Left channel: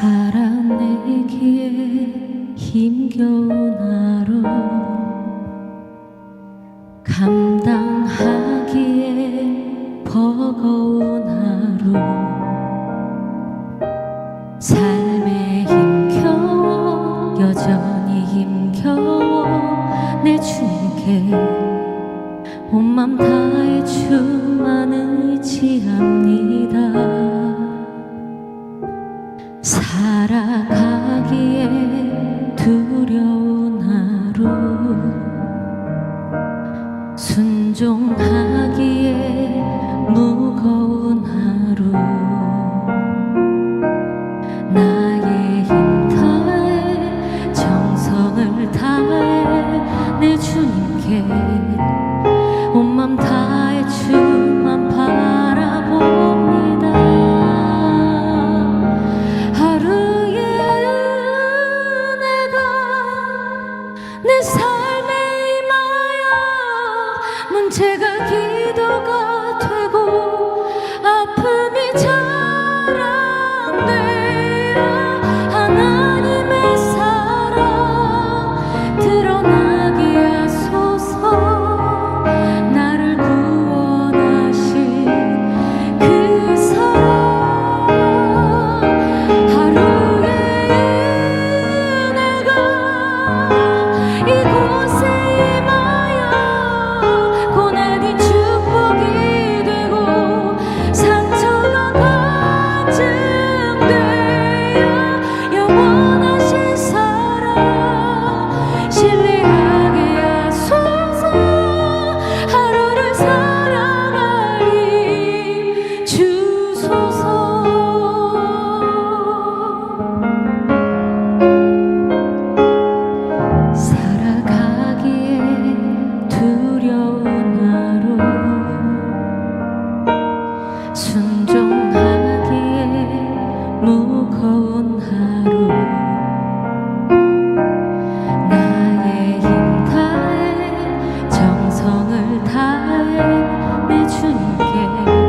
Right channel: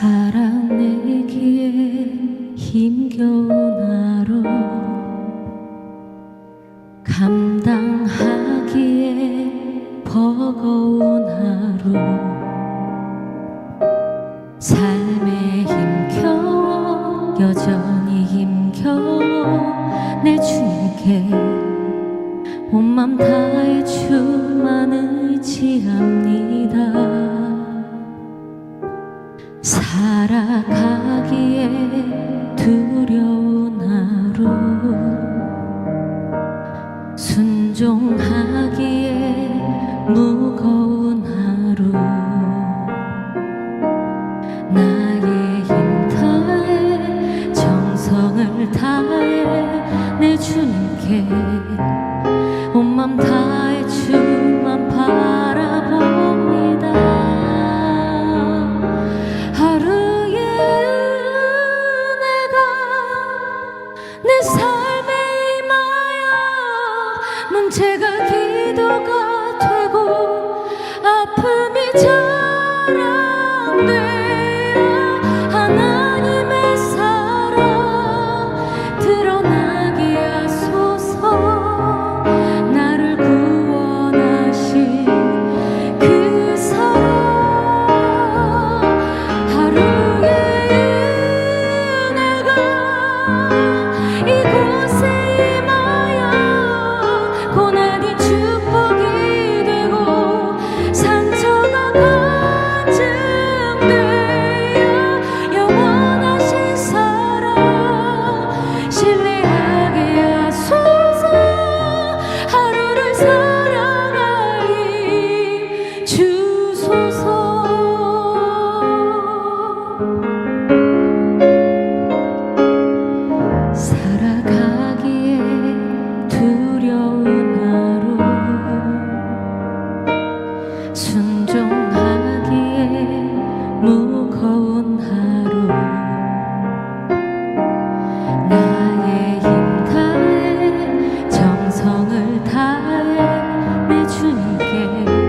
살아내기에 힘겨운 하루. 감당하기에 버거운 하루. 삶에 힘겨워 여전히 힘겨워 내 주님께 온맘 다해 주만 의지합니다 살아가기에 두려운 하루. 순종하기에 무거운 하루. 나의 힘 다해 정성을 다해 내 주님께 온맘 다해 주만 바라봅니다 내 삶에 임하여 문제가 기도가 되고 아픔이 자 나의 힘 다해 정성을 다해 매 주님께.